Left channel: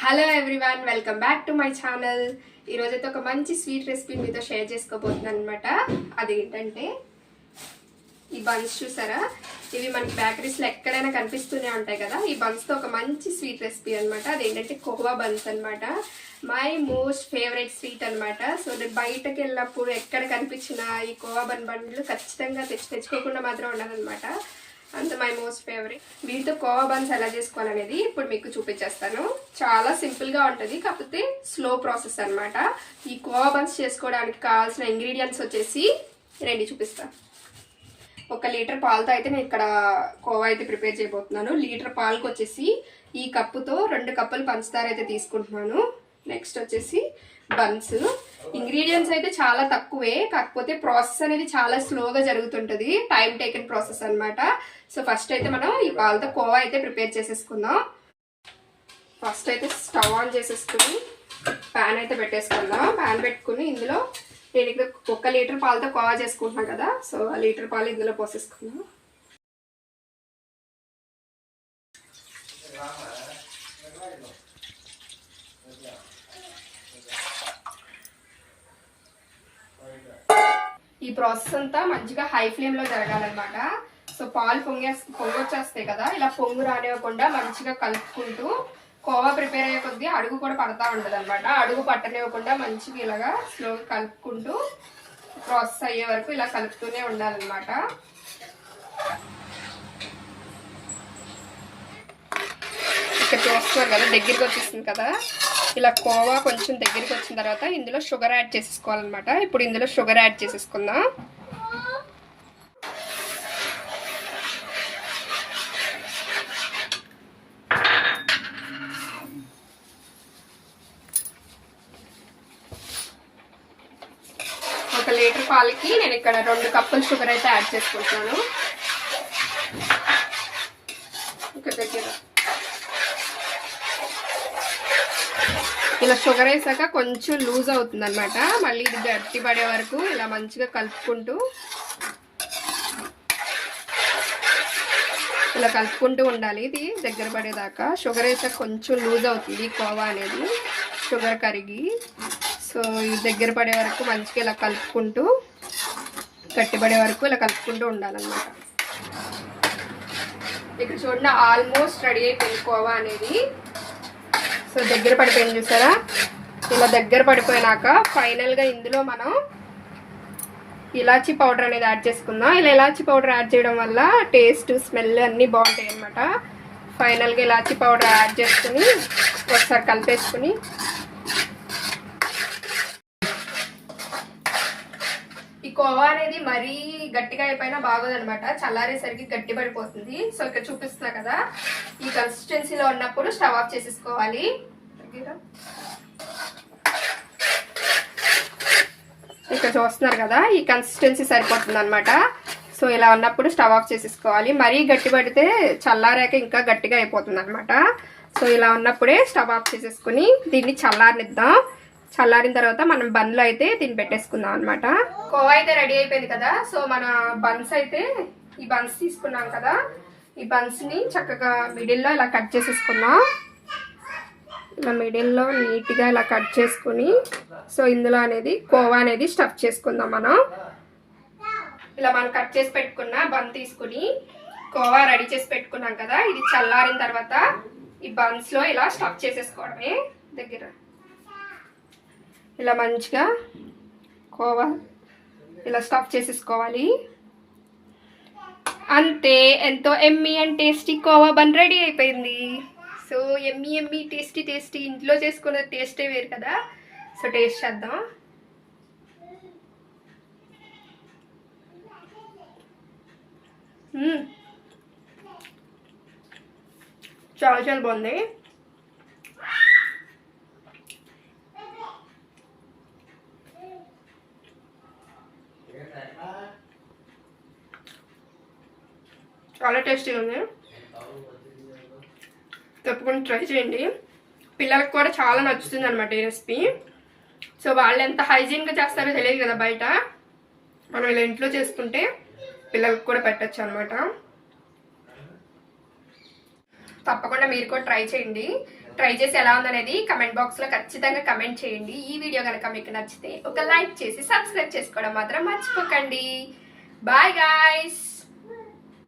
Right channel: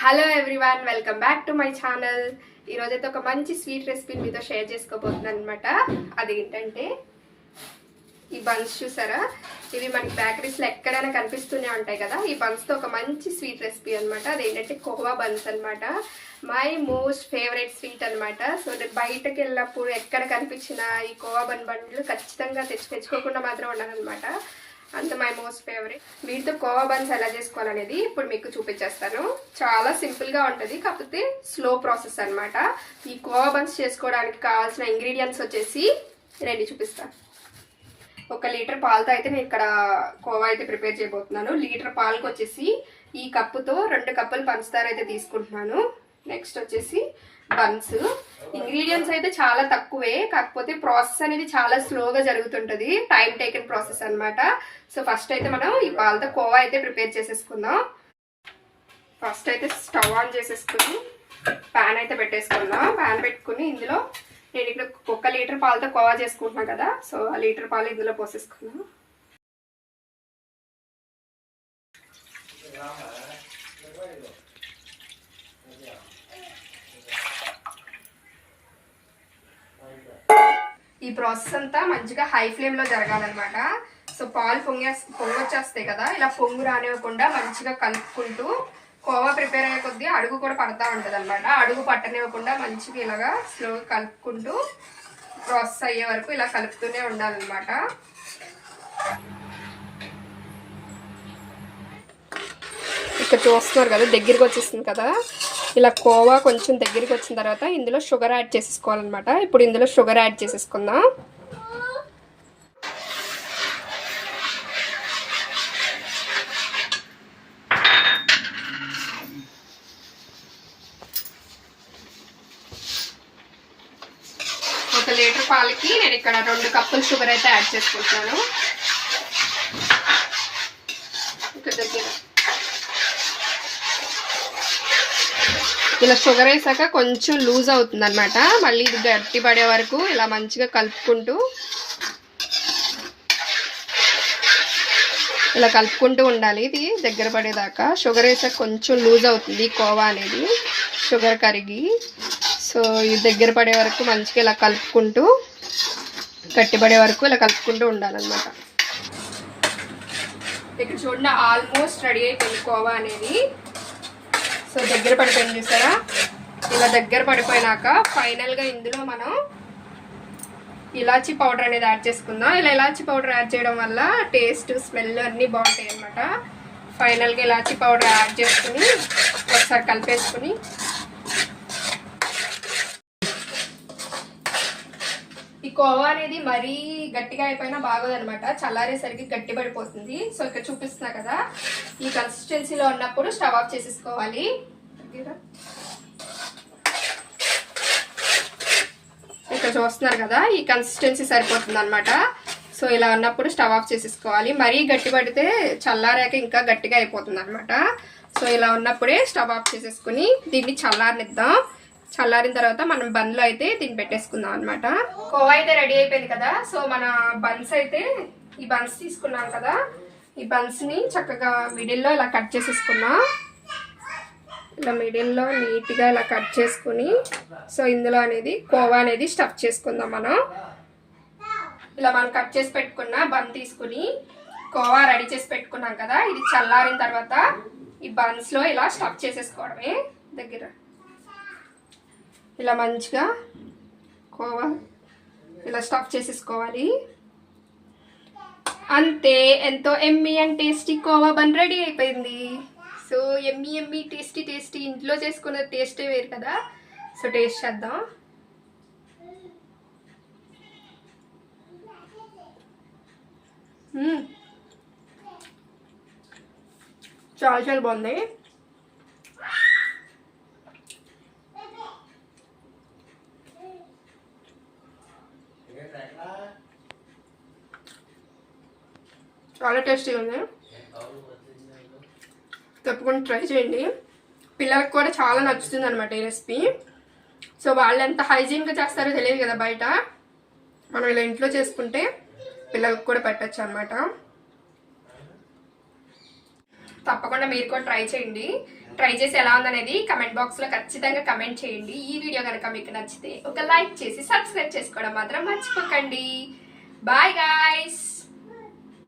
Hello everyone welcome back to my channel ఈరోజైతే ఒక మంచి స్వీట్ రెసిపీ మీతో షేర్ చేసుకోబోతున్నాను అనమాట అదేంటంటే ఈ బన్స్ చూసారా? ఇవి మనకి బేకరీస్లో ఎక్కడైనా కనిపిస్తూనే ఉంటాయి కదా. ఈ బన్స్తో ఒక మంచి స్వీట్ రెసిపీ అనమాట అదేంటంటే కోవా బన్స్ అనమాట మై మోస్ట్ ఫేవరెట్ స్వీట్ అనమాట సో నేను బయటకు వెళ్ళినప్పుడు ఎక్కడ కనిపించిన ఈ కోవా బన్ బండ్లు ఖచ్చితంగా తెచ్చి తెచ్చుకోకుండా మాత్రం ఉండాలన్నమాట అంత మై మోస్ట్ ఫేవరెట్. వీటితో కోవా బన్స్ ఎలా చేసుకోవాలనేది ఇప్పుడు మీకు చూపించేస్తాను. చాలా సింపుల్గా ఉంటుంది కాకపోతే స్లో ప్రాసెస్ అనమాట ఈ కోవా బన్స్ చేసుకోవడానికి కావాల్సిన ఇంగ్రీడియంట్స్ వచ్చేసి రండి చూపిస్తాను ఒక లీటర్ పాలతో అయితే నేను ఇక్కడ కోవా అయితే ప్రిపేర్ చేయబోతున్నాను. లీటర్ పాలకు వచ్చేసి ఈ కప్పుతో రెండు కప్పులు పంచదార అయితే తీసుకుంటున్నాను. నెక్స్ట్ వచ్చేసి బన్స్. ఇంగ్రీడియంట్స్ అయితే చాలా తక్కువే కాకపోతే ప్రాసెస్ అనేది చాలా స్లోగా జరుగుతుంటుంది టైం టేకన్ ప్రాసెస్ అన్నమాట. సో ఫస్ట్ అయితే మనం ఈ పాలతో కోవా అయితే ప్రిపేర్ చేసేసుకుందాం. ఫస్ట్ అయితే స్టవ్ ఆన్ చేసేసుకుని ప్యాన్ అయితే పెట్టేసుకుందాం. ప్యాన్ పెట్టుకుని ఇందులో నేను ఇక్కడ ఒక లీటర్ పాలతో కోవా చేసుకుంటున్నాను కదా సో ఆ లీటర్ పాలు ఇందులో పోసేసుకుందాం. ప్రాసెస్ అంతా మంచిగా హై ఫ్లేమ్లో జరగాలన్నమాట. సో పాలు పొంగే పొంగొచ్చేస్తాయి కదా. ఇలా పొంగు రానివ్వకుండా మంచిగా కలుపుకుంటూ కోవా ప్రిపేర్ అయ్యే కొద్దీ అడుగు కూడా పడతా ఉంటుంది అనమాట అడుగు పట్టనివ్వకుండా మంచిగా ఇలాగా స్లోగా కలుపుకుంటూ ప్రాసెస్ అయ్యే వరకు ఇలా కలుపుతూనే ఉండాలన్నమాట. ఇక్కడ చూస్తున్నారు కదా దగ్గరికి వచ్చేసింది కదా. ఇలా కోవా కొంచెం దగ్గరికి వచ్చిన తర్వాత ఇందులో షుగర్ యాడ్ చేసేసుకోవాలన్నమాట. ఇప్పుడు ఇందులో షుగర్ యాడ్ చేసేసుకుందాం. ఒక లీటర్ పాలకి నేను ఇక్కడ రెండు కప్పులు షుగర్ అయితే యాడ్ చేసుకుంటున్నాను. ఇక్కడ దగ్గర. ఇలా షుగర్ వేసాక కొంచెం లూజ్ అవుతుంది అనమాట మళ్ళీ ఇది గట్టి పడే వరకు ఇలా మంచిగా కలుపుకుంటూ ఇలా కలుపుకుంటూ ఉండాలి. ఇది దగ్గర పడేదాకా. షుగర్ వేసాక కొంచెం లూజ్ అవుతుంది కోవా అనేది. షుగర్ కరిగి సో ఇది దగ్గర పడే వరకు మంచిగా ఇలా కలుపుకుంటూ గట్టిపడే వరకు ఇలా కలుపుకుంటూ ఉండాలన్నమాట. ఇక్కడ చూడండి ఆల్మోస్ట్ రెడీ అయిపోయింది కోవా అనేది. సో దగ్గర పడిపోయింది చూసారా? ఇలా దగ్గర పడిపోయినాక ఫైనల్గా ఇందులో మనం ఇలాచీ పౌడర్ అనేది యాడ్ చేసుకుందాం. ఇలా ఇలాచీ పౌడర్ యాడ్ చేయడం వల్ల టేస్ట్ స్మెల్ అన్నీ బాగుంటాయి అనమాట ఫైనల్గా ఇలాచీ పౌడర్ యాడ్ చేసుకుని ఒకసారి కలిపేసుకుని ఈ కోవా అనేది మరీ గట్టిగా అయిపోయినా బాగోదన్నమాట. చల్లారేసరికి గట్టి పడిపోతుంది సో ఇక్కడ చూపిస్తున్నా కదా. ఈ కన్సిస్టెన్సీలో ఉన్నప్పుడు స్టవ్ ఆఫ్ చేసేసుకోవాలి. ఇక్కడ చూస్తున్నారు కదా ఈ కన్సిస్టెన్సీ సరిపోతుంది అనమాట సో ఇలా ఉన్నప్పుడు స్టవ్ ఆఫ్ చేసేసుకోవాలి. మరీ గట్టి పడితే చల్లారాక ఇంకా గట్టిగా అయిపోతుంది అనమాట సో ఇలా ఉన్నప్పుడే స్టవ్ ఆఫ్ చేసేసుకుని దీన్ని చల్లారనిద్దాం. చల్లారిన తర్వాత మనం బన్లు అయితే దీన్ని పెట్టేసుకుందాం అనమాట కోవా అయితే రెడీ అయిపోయింది కదా సో మన బన్స్ అయితే ఈ బన్స్ తీసుకున్నాం కదా ఈ బన్స్ని చక్కగా మిడిల్లో ఇలా కట్ చేసేసుకున్నాం. ఇలా మిడిల్లో నీట్గా ఇలా కట్ చేసుకుని సో ఇందులో అనేది కోవా అనేది స్టఫ్ చేసుకుందాం మనం. ఇలా మనం కట్ చేసి పెట్టుకున్న బన్ తీసుకుని కోవా రెడీ చేసి పెట్టుకున్నాం కదా ఇది చల్లారిన తర్వాత ఈ బన్స్లో ఇలా స్టఫ్ చేసేసుకోవడమే దగ్గర. ఇలా మంచిగా కోవా ఇలా స్టఫ్ చేసేసుకోవాలి. అంతే ఎంతో yummy and tasty khoa bun ready అయిపోయింది. So yummy yummy tasty tasty ఇంట్లో చేసుకున్న టేస్టే వేరు కదా. సో టేస్ట్ చేద్దాం. చాలా చాలా బాగుంది. చాలా టేస్టీగా ఉంది. తప్పకుండా ట్రై చేయండి. పిల్లలకు కూడా చాలా నచ్చుతుంది అనమాట ఈ రెసిపీ. సో వాళ్ళు ఎంత హైజీన్గా చేస్తారో తెలియదు కదా బయట. మనం ఇలా ఇంట్లో చేసుకుంటే పిల్లలకు కూడా పెట్టచ్చు అనమాట తప్పకుండా మీరు కూడా ట్రై చేయండి. ట్రై చేసి ఎలా ఉందనేది కమెంట్ బాక్స్లో ఖచ్చితంగా కమెంట్ చేయండి. ఈ వీడియో కనుక మీకు నచ్చితే ఒక లైక్ చేసి సబ్స్క్రైబ్ చేసుకోవడం మాత్రం మర్చిపోకండి. Bye guys!